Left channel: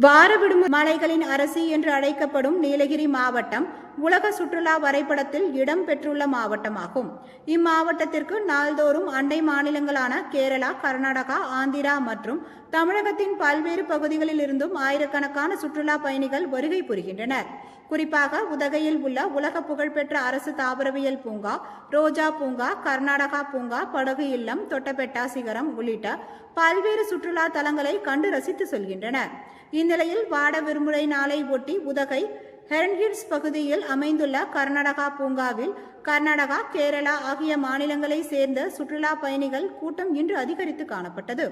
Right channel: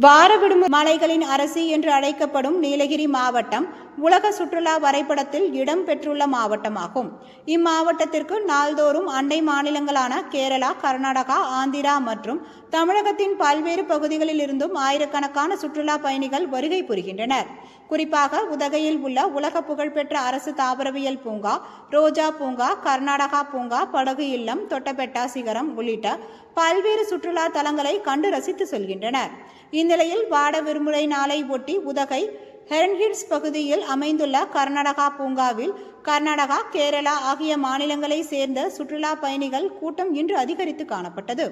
வார விடுமுறை மலைகளின் அரசி என்று அழைக்கப்படும் நீலகிரி மாவட்டம் உலக சுற்றுலா வரைபடத்தில் இடம் பெற்றுள்ள மாவட்டமாகும். இம்மாவட்டத்திற்கு நாள்தோறும் அண்டை மாநிலங்களான கேரளா கர்நாடகா ஆந்திரா மற்றும் தமிழகத்தின் பல்வேறு பகுதிகளில் இருந்தும் ஆயிரக்கணக்கான சுற்றுலா பயணிகள் வருகை புரிகின்றனர். குறிப்பாக உதகையில் உள்ள உலக புகழ்பெற்ற அரசு தாவரவியல் பூங்கா ரோஜா பூங்கா கர்நாடகா பூங்கா படகு இல்லம் தொட்டபெட்டா சிகரம் உள்ளிட்ட பல்வேறு சுற்றுலா தலங்களை கண்டு ரசித்து செல்கின்றனர். இந்நிலையில் வாட விடுமுறை நாளை ஒட்டி உதகை ஹெரன்ஹில்ஸ் பகுதியில் அமைந்துள்ள கர்நாடகா பூங்காவில் கர்நாடகா கேரளா ஆகிய மாநிலங்களை சேர்ந்த சுற்றுலா பயணிகள் கூட்டம் இன்று அதிகரித்து காணப்பட்டது.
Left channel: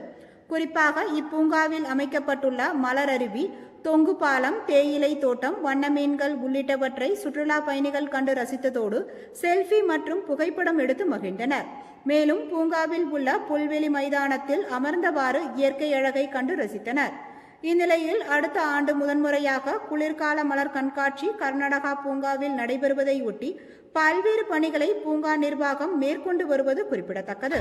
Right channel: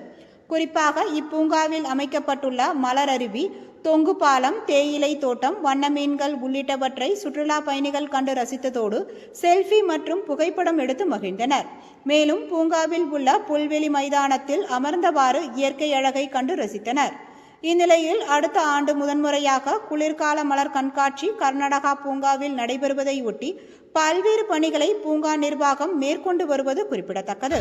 குறிப்பாக இப்பூங்காவில் அமைக்கப்பட்டுள்ள மலர் அருவி தொங்கு பாலம் தேயிலை தோட்டம் வண்ண மீன்கள் உள்ளிட்டவற்றை சுற்றுலா பயணிகள் கண்டு ரசித்ததோடு செல்ஃபி மற்றும் புகைப்படம் எடுத்து மகிழ்ந்தனர். மேலும் பூங்காவில் உள்ள புல்வெளி மைதானத்தில் அமர்ந்தவாறு இயற்கை அழகை கண்டு ரசித்தனர். இந்நிலையில் அடுத்த ஆண்டு முதன்முறையாக குளிர்கால மலர் கண்காட்சி கர்நாடகா பூங்காவில் நடைபெறுவதையொட்டி பல்வேறு பணிகளை பூங்கா நிர்வாகம் மேற்கொண்டு வருவது குறிப்பிடத்தக்கது.